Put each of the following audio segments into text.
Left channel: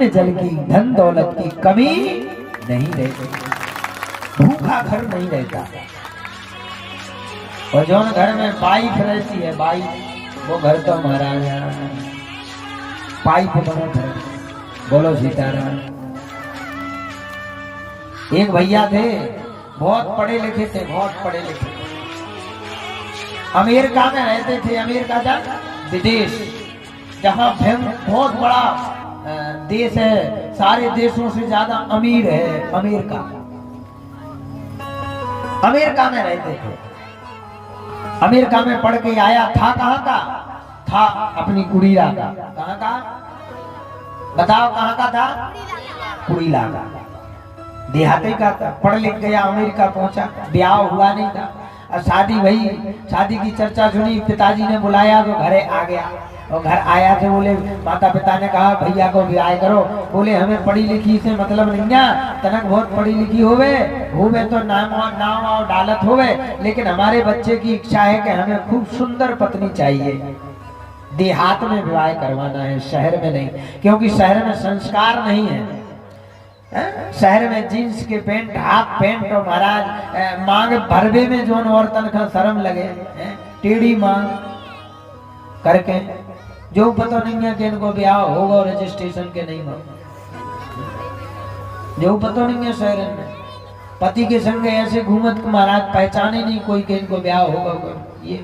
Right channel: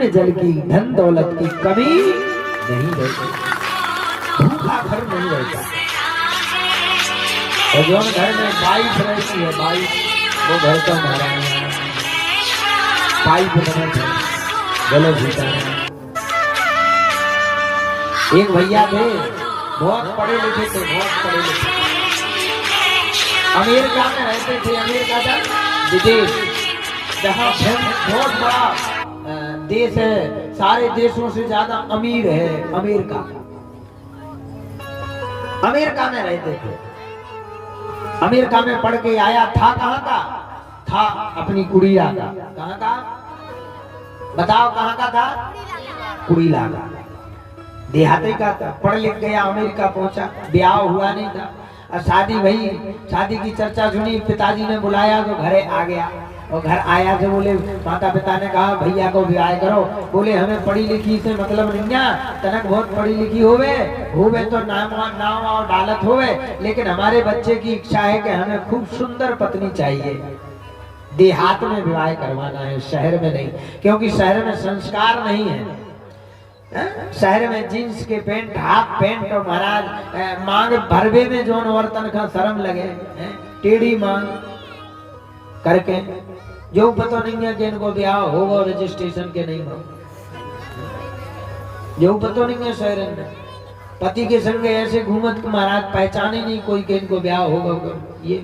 अन्न जल की धन दौलत की कमी नहीं रहती, भूखा घर नहीं रहता। और जो घर में वाइफ रहती है, वाइफ, वो घर तो हमारा पाइप बने घर। बोलो सीताराम। एक भैया थे, बहुत पढ़े लिखे थे, बहुत पढ़े लिखे थे, अमेरिका में रहते थे। अमेरिका का विदेश, जहाँ बहुत बड़ा देश है, सारे देशों से ज्यादा अमीर है अमेरिका। अमेरिका में रहते थे। अमेरिका में पढ़ के आया था। कहाँ का था? अपनी कुड़िया का। कहाँ का बताओ? कहाँ का था? कुड़िया का, देहाती का था। पढ़ लिख गया, अमेरिका पहुंचा, ब्याह हुआ नहीं था। शादी भई, शादी की चर्चा सुनी, पिताजी ने बुलाया तो घरे आ गया। और घर आया तो बोले, माता पिता ने कहा भैया को विवाह करो। बोले हमें पढ़ी लिखी से मतलब नहीं ना, तनक बहुत पढ़ी लिखी होवे तो नाम और डालत होवे, लेकिन हमारे बच्चे की इच्छा है कि हमें खूब सुंदर पत्नी चाहिए। देहात में विवाह करवाना है, शहर में नहीं, क्योंकि शहर में संस्कार नहीं है। शहर में जींस के पेंट, हाफ पेंट और महाराज मांग भरवे में जो औरतन का शर्म लगे, टेढ़ी मांग करके, जो पता नहीं है कि इनको ब्याह होगा रजिस्ट्रेशन के नहीं हो, जो पता नहीं है। शहर में पति के संग ऐसे घूमत महाराज पहचाने नहीं कोई कि इनको ब्याह होगा। ये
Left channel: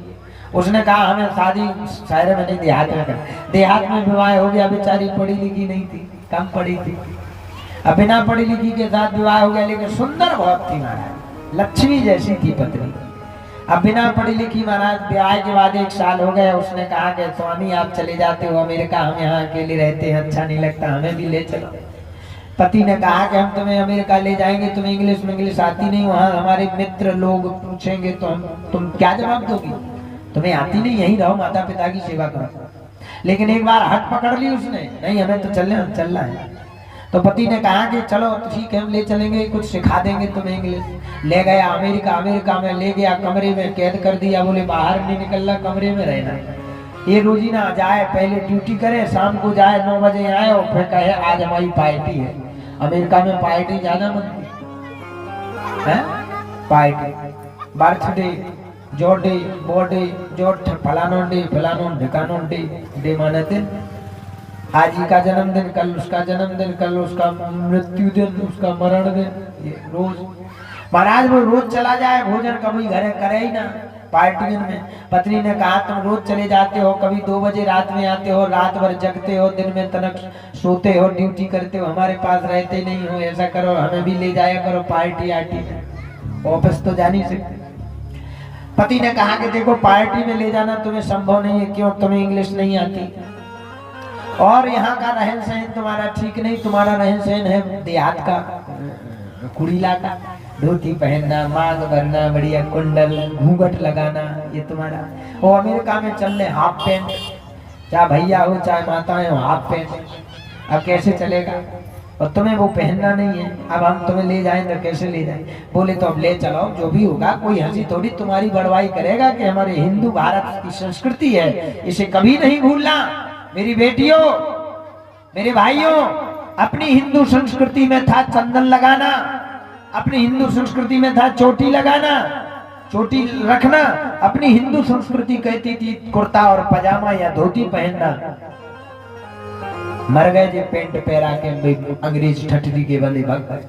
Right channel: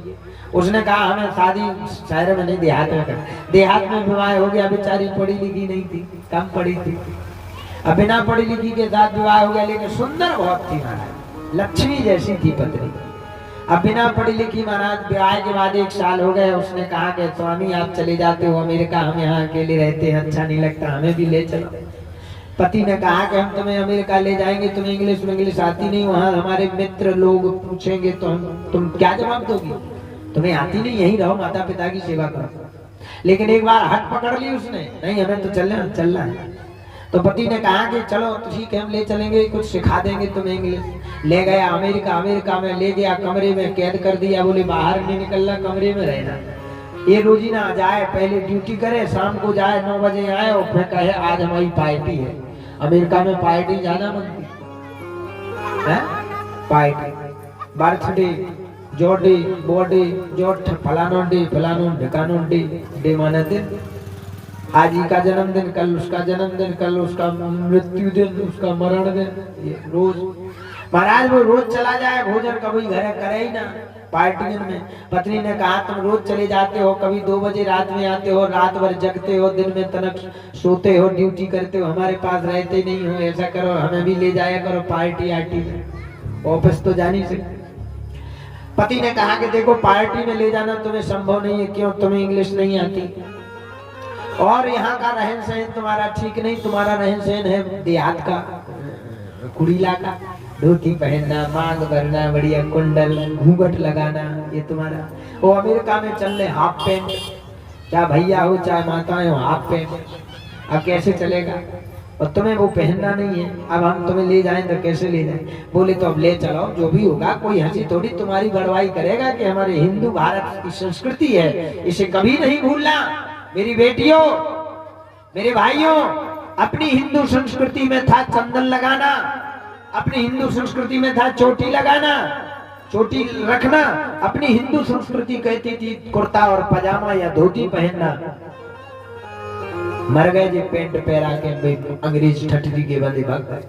उसने कहा हमें शादी शहर में नहीं, देहात में कर। देहात में विवाह हो गया, बेचारी पढ़ी लिखी नहीं थी, कम पढ़ी थी। अब बिना पढ़ी लिखी के साथ विवाह हो गया, लेकिन सुंदर बहुत थी महाराज, लक्ष्मी जैसी थी पत्नी। अब बिना पढ़ी लिखी महाराज, ब्याह के बाद 1 साल हो गए। उसने कहा कि स्वामी आप चले जाते हो अमेरिका, हम यहाँ अकेले रहते हैं, अच्छा नहीं लगता, हमें भी ले चलो। पति ने कहा कि हम तुम्हें अमेरिका ले जाएंगे, तुम्हें इंग्लिश आती नहीं, वहाँ हमारे मित्र लोग पूछेंगे तो तुम क्या जवाब दोगी? तुम्हें आती नहीं, यही रहो, माता पिता की सेवा करो। लेकिन एक बार हट पकड़ ली उसने, नहीं हमें तो चलना है। तो पति ने कहा कि चलो ठीक है, हम ले चलेंगे, कुछ सिखा देंगे तुम्हें इंग्लिश। ले गया अमेरिका में ले गया, कमरे में कैद कर दिया। बोले बाहर नहीं निकलना, कमरे में रहना। ये रोजीना जाए, पहले ड्यूटी करे, शाम को जाए 9 बजे आए और फिर कहे आज हमारी पार्टी है। अमेरिका में पार्टी ज्यादा बनती है, पार्टी, बर्थडे, जोड़े, बर्थडे, जोड़, फलानो ढिकानो डे माने दिन। आज ही का जन्मदिन, कल उसका जन्मदिन, कल उसका मृत्यु दिन, उसका मरण दिन, ये रोज महाराज। वो रोज चला जाए, भोजन कभी घर करे ही ना पार्टी में। पत्नी ने कहा तुम रोज चले जाते हो, कभी 2 बजे रात में आते हो, रात भर जगते हो, दिन में तनक सोते हो, ड्यूटी करते हो, हमारे पास रहते नहीं हो। ऐसा करो, हमें भी ले जाया करो पार्टी आर्टी में, ऑफिस तो जा नहीं सकते। पति ने कहा कि देखो पार्टी में ले जाना तुम्हें संभव नहीं है, क्यों? तुम्हें इंग्लिश नहीं आती और यहाँ का रहन सहन तुम्हारा ठीक नहीं। तुम्हारा रहन सहन है देहात का, कुड़ीला का, धोती पहनना, मांग भरना, बढ़िया कुंडल, घूंघट लगाना, ये तुम्हारा। वो अमेरिका में चल रहे हाफ पैंट, चाहे भैया हो चाहे माताएं हो, हाफ पैंट। अब कैसे चलेगा? और तुम्हें वो पहनना नहीं है। अब हम तुम्हें ले जाएं तो कैसे ले जाएं? बोले तो अब ले चलो, जो भी होगा। कोई हंसी थोड़ी तुम्हारी बड़वाई करेगा कि हमारे हिंदू भारत की संस्कृति है, इसे कभी नहीं भूलना। मेरी बेटियों, मेरे भाइयों, अपनी हिंदू संस्कृति में था चंदन लगाना, अपनी हिंदू संस्कृति में था चोटी लगाना, चोटी रखना। अपनी हिंदू संस्कृति कहती थी कुर्ता और पजामा या धोती पहनना। मर गए जी पेंट पहरा के अंग्रेज ठठरी के बंदे भाग गए,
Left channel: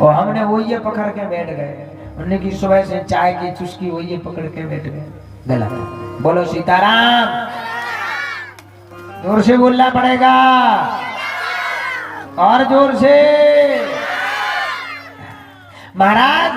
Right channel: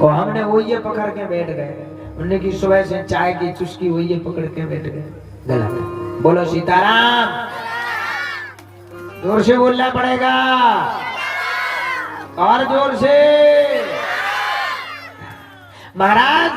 और हमने वो ये पकड़ के बैठ गए। उन्हें की सुबह से चाय की चुस्की वो ये पकड़ के बैठ गए। गलत। बोलो सीताराम। जोर से बोलना पड़ेगा, और जोर से। महाराज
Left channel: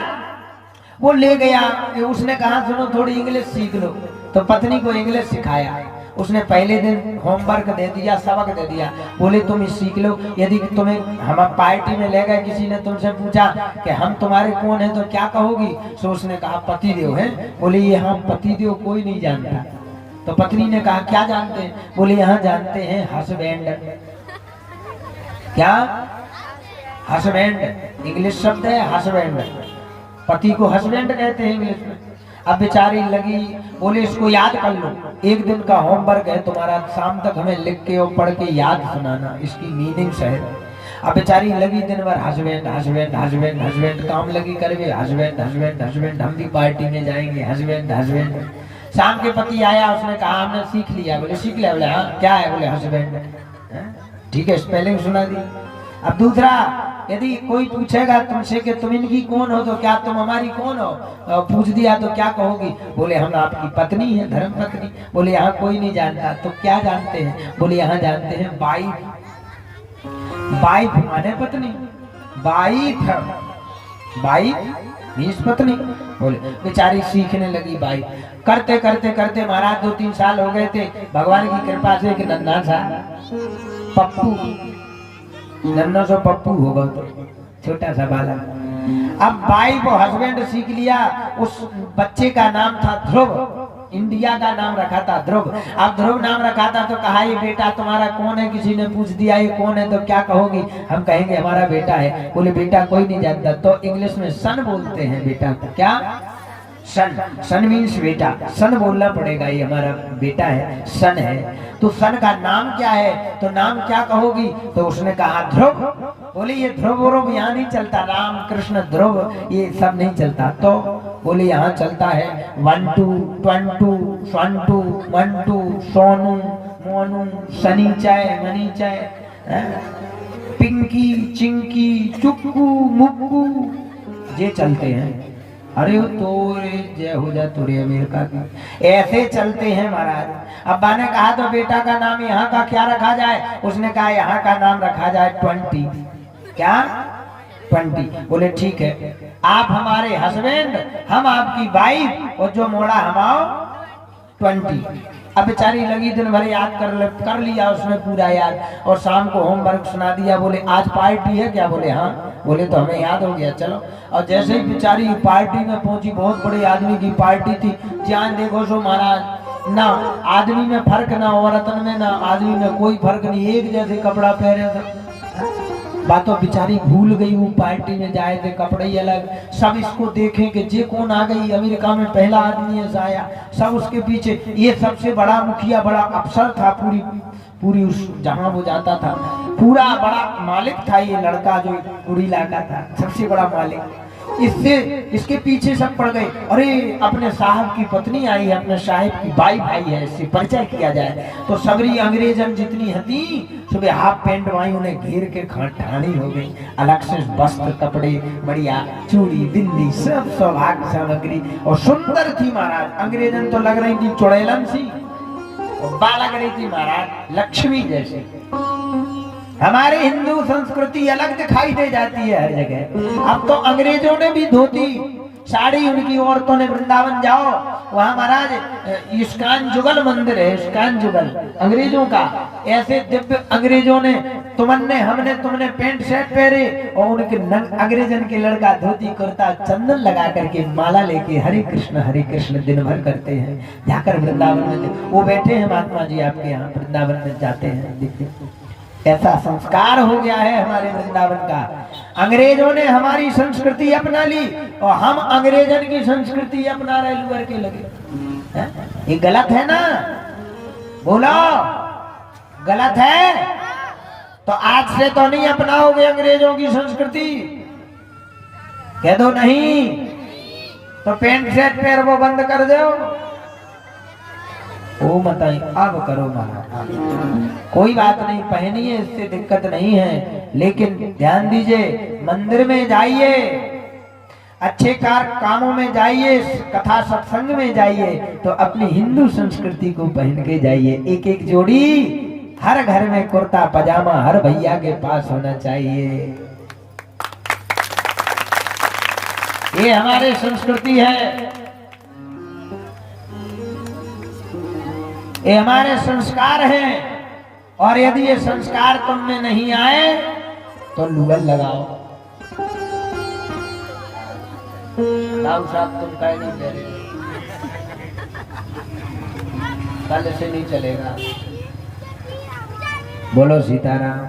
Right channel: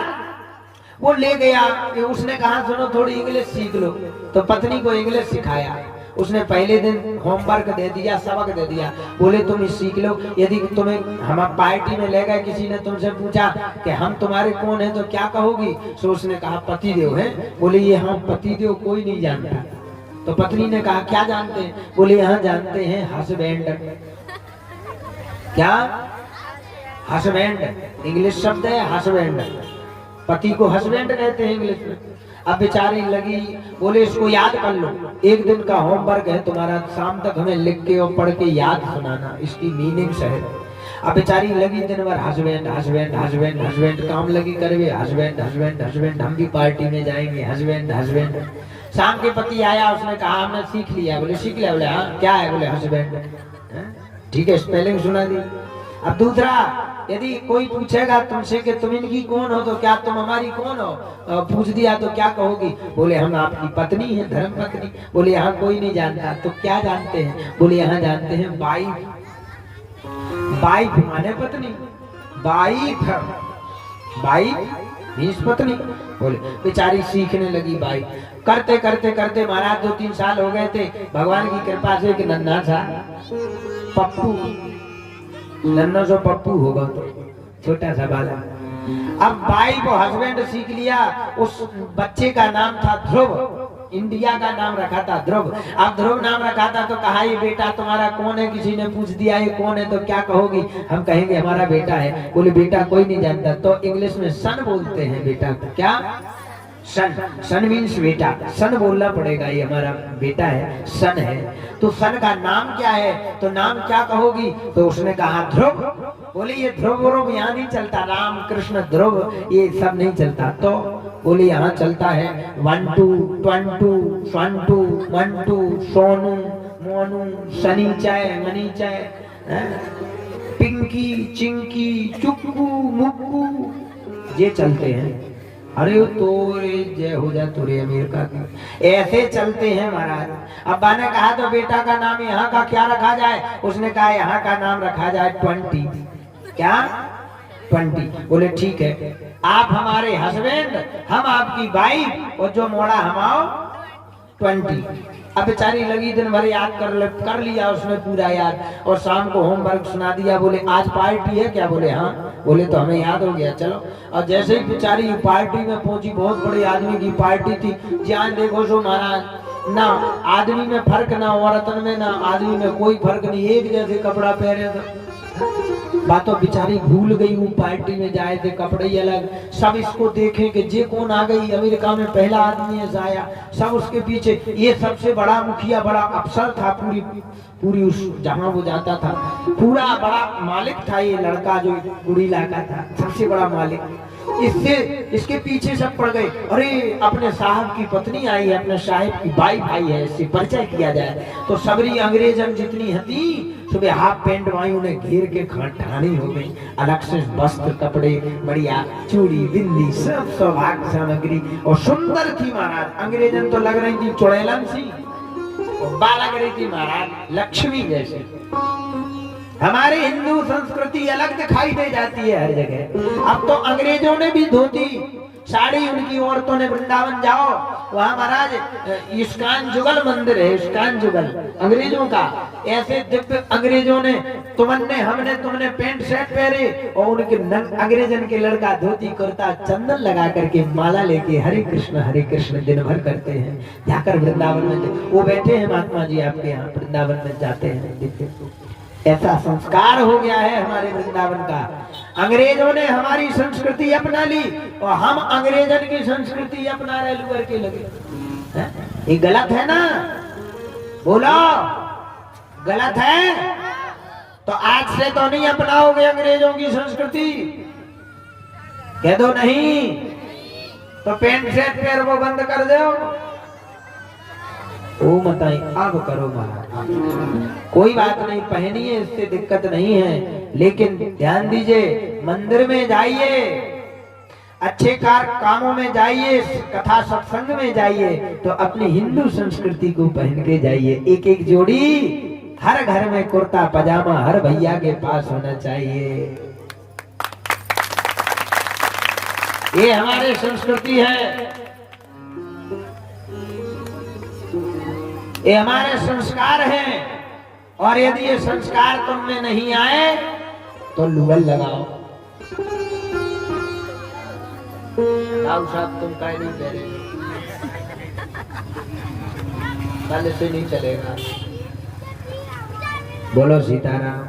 वो ले गया, उसने कहा सुनो थोड़ी इंग्लिश सीख लो। तो पत्नी को इंग्लिश सिखाया। उसने पहले दिन होमवर्क दे दिया, सबक दे दिया। बोले तुम इस सीख लो। यदि तुम्हें हम पार्टी में ले गए, किसी ने तुमसे पूछा कि हम तुम्हारे कौन है तो क्या कहोगी? तो उसने कहा पति देव है। बोले ये हम पति देव कोई नहीं जानता। तो पत्नी ने कहा क्या जानते हैं? बोले यहाँ जानते हैं हस्बैंड। क्या? हस्बैंड इंग्लिश शब्द है, हस्बैंड। पति को हस्बैंड कहते हैं इंग्लिश में। अब बेचारी लगी, बोले इसको याद कर लो, एक दिन का होमवर्क है तुम्हारा, शाम तक हमें लिख के और पढ़ के याद सुनाना, इसकी मीनिंग्स है। अब बेचारी लगी दिन भर हस्बैंड हस्बैंड हस्बैंड हस्बैंड काम लगी करवे, हस्बैंड हस्बैंड हस्बैंड, हम भी पार्टी में जाएंगे, हस्बैंड हस्बैंड। शाम के पति आया, उसने कहा हमने सीख लिया। बोले सीख लिया? बोले हाँ। क्या है? बोले हस्बैंड। ठीक है, स्पेलिंग सुना दी। अब दूसरा, यदि कोई पूछेगा तुमसे कि तुम इनकी कौन हो, तो क्या तुम हमारी कौन हो, पूछ दिया तो क्या कहोगी? बोले हम आपकी पत्नी है, धर्म पत्नी। बोले यहाँ कोई नहीं जानता, तो क्या जानते हैं? बोले यहाँ जानते हैं वाइफ। वाइफ माने पत्नी, वाइफ वाइफ मीन्स पत्नी। बोले बेचारी सीखने लगी वाइफ। करते करते करते महाराज 2-3 साल हो गए थे, भगवान की कृपा से एक नन्हा सा पप्पू, नन्हा सा पप्पू होगा तो छोटा सा बाला। अब वाइफ और हस्बैंड सीख लिया। उस बच्चे का नाम था ध्रुव, इंडिया का नाम रखा था ध्रुव। अब ध्रुव नाम रखा था तो कहा ये बेटा तुम्हारा कौन है? किसी ने पूछ दिया ये कौन है, तो क्या कहोगी? हम कहेंगे हमारा बेटा है। बोले बेटा कोई नहीं जानता, तो इंग्लिश में सन बोलते हैं बेटा। क्या? सन। सन मीन्स बेटा, सन बोलना पड़ेगा, ये हमारा बेटा है, सन है। तो सन का नाम क्या है? तो नाम क्या कहोगी? तो उसने कहा ध्रुव। बोले ये ध्रुव व्रुव यहाँ नहीं चलता, राम कृष्ण ध्रुव ये सब नहीं चलता। तो बोले यहाँ चलता है 1 2 1 2 1 2 1 2, सोनू मोनू सनीचाय मनीचाय, पिंकी चिंकी चुक्कू मुक्कू, ये चलते हैं। अरे तोरे जय हो जा तुरे अमेरिका की, ऐसे चलते हैं महाराज। अब्बा ने कहा तो बेटा का नाम यहाँ का क्या रखा जाए? उसने कहा यहाँ का नाम रखा जाए 20। क्या? 20। बोले ठीक है, आप हमारे हस्बैंड, हम आपकी वाइफ, और जो मोड़ा हम आओ 20। अब बेचारी लगी दिन भर याद कर लिया उसने पूरा याद, और शाम को होमवर्क सुना दिया। बोले आज पार्टी है क्या? बोले हाँ। बोले तो हमें याद हो गया, चलो। और जैसे ही बेचारी पार्टी में पहुंची, बहुत बड़े आदमी की पार्टी थी, ध्यान देखो सो महाराज, ना आदमी में फर्क, ना औरतन में, ना आदमी में कोई फर्क नहीं, एक जैसे कपड़ा पहने थे। बातों बेचारी भूल गई, वो पार्टी में जाए थे, कपड़े ही अलग। सब इसको देखें कि जे कौन आ गई, अमेरिका में पहला आदमी ऐसा आया। सब उसके पीछे, ये सबसे बड़ा मुखिया, बड़ा अफसर था पूरी उस जहां वो जाता था, पूरा बड़ा मालिक था ये लड़का, जो गुड़ीला का था, सबसे बड़ा मालिक। इसके पीछे सब पड़ गए। अरे अपने साहब की पत्नी आई है, अपने साहब की वाइफ आई है, इससे परिचय किया जाए। तो सबरी अंग्रेजन जितनी हती, सुबह हाफ पैंट वाई उन्हें घेर के ठाणी हो गई। अलग से वस्त्र कपड़े बढ़िया, चूड़ी बिंदी सब सौभाग्य सामग्री, और सुंदर थी महाराज। अंग्रेजन तो लग रही थी चुड़ैलन सी, बाल लग रही थी महाराज लक्ष्मी जैसे। हमारे हिंदू संस्कृति अलग दिखाई दे जाती है हर जगह। अब तो अंग्रेजों ने भी धोती साड़ी, उनकी औरतों ने, वृंदावन जाओ वहां महाराज इस्कान जुगल मंदिर है, इस्कान जुगल अंग्रेजों का। ऐसे दिव्य अंग्रेजों ने, तुमने पैंट शर्ट पहने, और उनके अंग्रेजन के लड़का धोती कुर्ता चंदन लगा करके माला लेके हरे कृष्ण दिन भर करते हैं। जाकर वृंदावन में वो बैठे हैं महात्मा जी आपके यहाँ, वृंदावन में जाते हैं, देखते। ऐसा संस्कार हो गया है हमारे वृंदावन का। अंग्रेजों ने हमारी संस्कृति अपना ली, और हम अंग्रेजन की संस्कृति अपना रहे लुअर के लगे। ये गलत है ना? बोलो गलत है? तो आज से तो नहीं अपनाओगे अंग्रेजों की संस्कृति? कह दो नहीं, तो पैंट शर्ट पैर वो बंद कर दो। ओ बताई अब करो महाराज, कोई बात नहीं, पहनिए, इससे दिक्कत नहीं है। लेकिन ध्यान दीजिए, मंदिर में जाइए, अच्छे कामों में जाइए, कथा सत्संग में जाइए, तो अपनी हिंदू संस्कृति को पहन के जाइए। एक एक जोड़ी हर घर में कुर्ता पजामा हर भैया के पास होना चाहिए। ये हमारी संस्कृति है, ये हमारे संस्कार हैं। और यदि ये संस्कार तुम में नहीं आए तो लुगल लगाओ। साहब तुम का नहीं दे रहे, कल से नहीं चलेगा। बोलो सीताराम।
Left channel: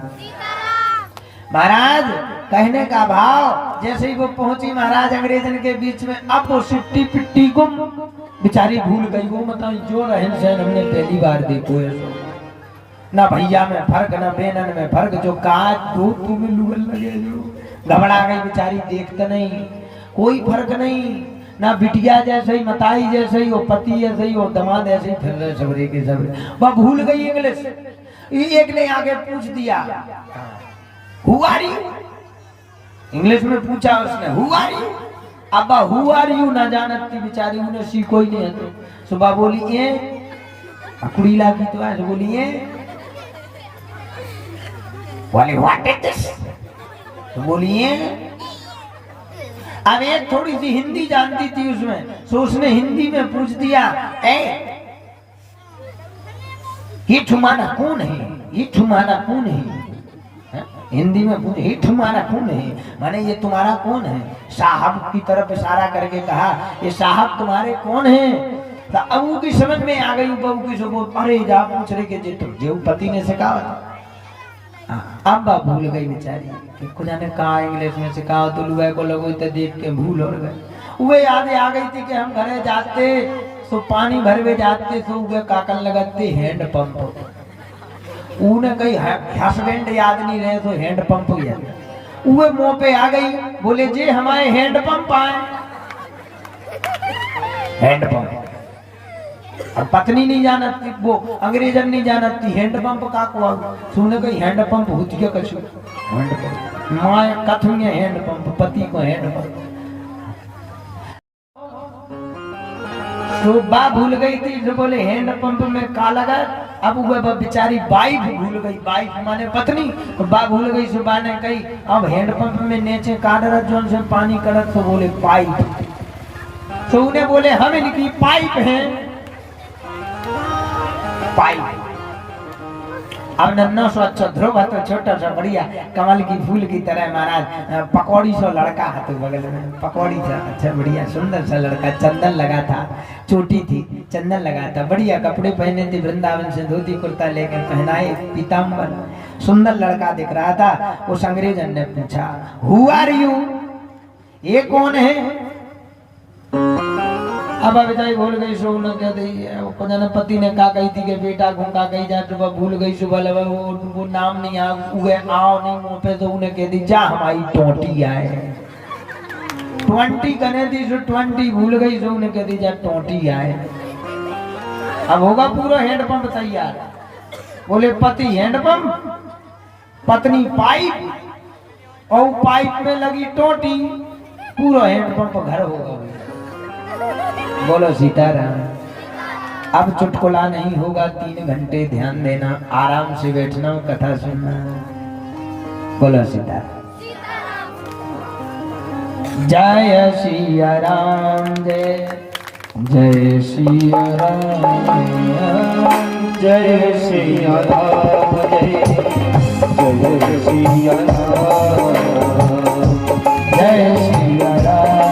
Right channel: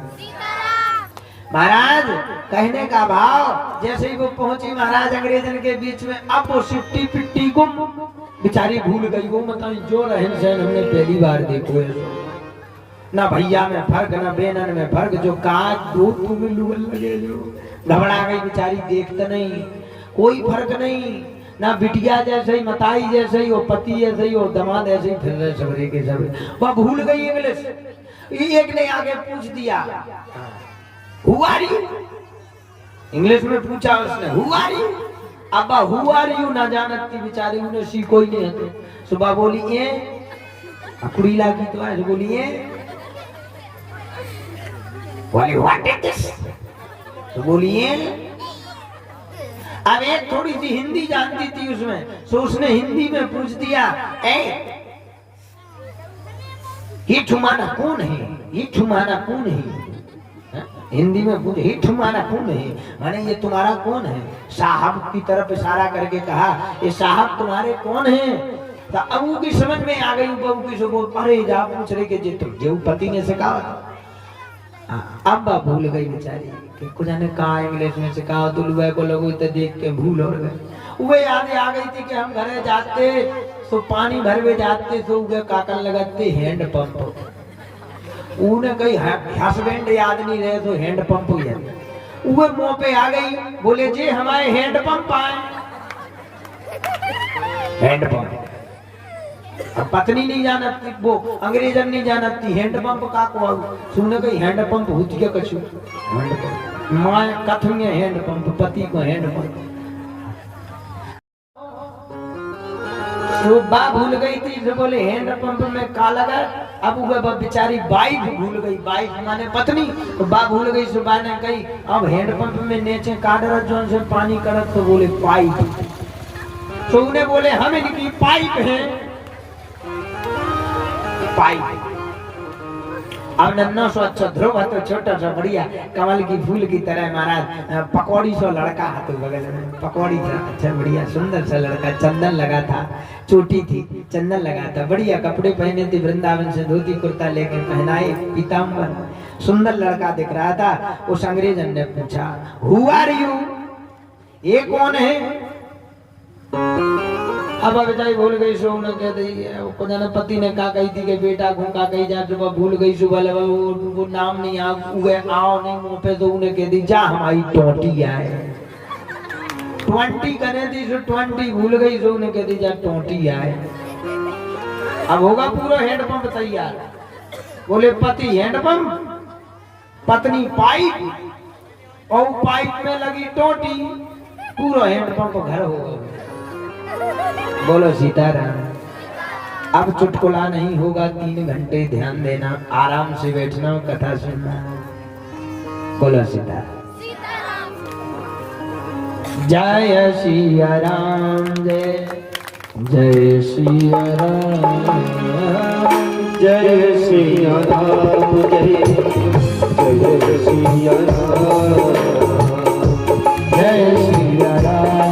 महाराज कहने का भाव, जैसे ही वो पहुंची महाराज अंग्रेजन के बीच में, अब वो सिट्टी पिट्टी को बेचारी भूल गई। वो मतलब जो रहन सहन हमने पहली बार देखो है, ना भैया में फर्क, ना बेनन में फर्क, जो काज दूध तू भी लुगल लगे, जो घबरा गई बेचारी, देखते नहीं, कोई फर्क नहीं, ना बिटिया जैसे ही, मताई जैसे ही, वो पति जैसे ही, वो दमाद ऐसे ही फिर रहे सबरे के सब। वह भूल गई इंग्लिश। एक ने आगे पूछ दिया, Who are you? इंग्लिश में पूछा उसने, Who are you? अब Who are you ना जानती बेचारी, उन्हें सीखो ही नहीं है। तो सुबह बोली ये कुड़ी लागी, तो आज बोली ये बोली व्हाट इज दिस, तो बोली ये। अब एक थोड़ी सी हिंदी जानती थी उसमें, तो उसने हिंदी में पूछ दिया, ये तुम्हारा कौन है, ये तुम्हारा कौन है। हिंदी में पूछे, ये तुम्हारा कौन है, माने ये तुम्हारा कौन है। साहब की तरफ इशारा करके कहा, ये साहब तुम्हारे कौन है। तो अबू की समझ में आ गई, बहू की सुबह परे जा पूछ रहे कि जो पति ने सिखाया। अब भूल गई बेचारी कि कुछ ने कहा इंग्लिश में सिखाओ, तो लुआ को लोगों तो देख के भूल हो गए। वो याद आ गई थी कि हम घरे जाते तो पानी भरवे जाते, तो वे काकल लगाते हैंड पंप, उन्हें कहीं हस्बैंड याद नहीं रहे, तो हैंड पंप याद। वो मुंह पे आ गई, बोले जी हमारे हैंड पंप आए। हैंड पंप अब पत्नी नहीं जानती, वो अंग्रेजन नहीं जानती, हैंड पंप का को सुनने गई, हैंड पंप होती क्या कछु, हैंड पंप मां कथुए हैंड पंप, पति को हैंड पंप। तो बा भूल गई थी, जो बोले हैंड पंप में का लगा। अब वो बेचारी वाइफ भूल गई, वाइफ माने पत्नी, तो बा भूल गई। सुबह ने कही अब हैंड पंप में नीचे काढ़ जो से पानी करत, तो बोले पाइप। तो उन्हें बोले हम इनकी पाइप है, पाइप। अब नन्ना सो अच्छा ध्रुव तो छोटा सा बढ़िया कमल की फूल की तरह महाराज, पकौड़ी सो लड़का हाथों बगल में, पकौड़ी था अच्छा बढ़िया सुंदर सा लड़का, चंदन लगा था, चोटी थी, चंदन लगा था, बढ़िया कपड़े पहने थे, वृंदावन से धोती कुर्ता लेकर पहनाए, पीताम्बर, सुंदर लड़का दिख रहा था। उस अंग्रेजन ने पूछा, हु आर यू, ये कौन है। अब बेचारी भूल गई, सो न कह दी, पति ने कहा गई थी कि बेटा घूंगा गई जा, सुबह भूल गई, सुबह वो नाम नहीं आ आओ नहीं मुंह पे, तो उन्हें कह दी जा हमारी 20 आए, 20 करने दी, सो 20 भूल गई, सो उन्हें कह दी जा 20 आए। अब होगा पूरा हैंड पंप तैयार। बोले पति हैंड पंप, पत्नी पाइप, और पाइप में लगी टोटी, पूरा हैंड पंप घर होगा। बोलो सीताराम। अब चुटकुला नहीं होगा, 3 घंटे ध्यान देना, आराम से बैठना, कथा सुनना। बोलो सीताराम। जय सिया राम, जय सिया राम, जय सिया राम, जय सिया राम, जय सिया राम,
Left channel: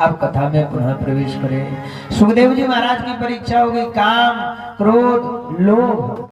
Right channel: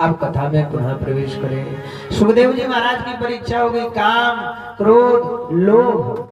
अब कथा में पुनः प्रवेश करें। सुखदेव जी महाराज की परीक्षा हो गई, काम, क्रोध, लोभ,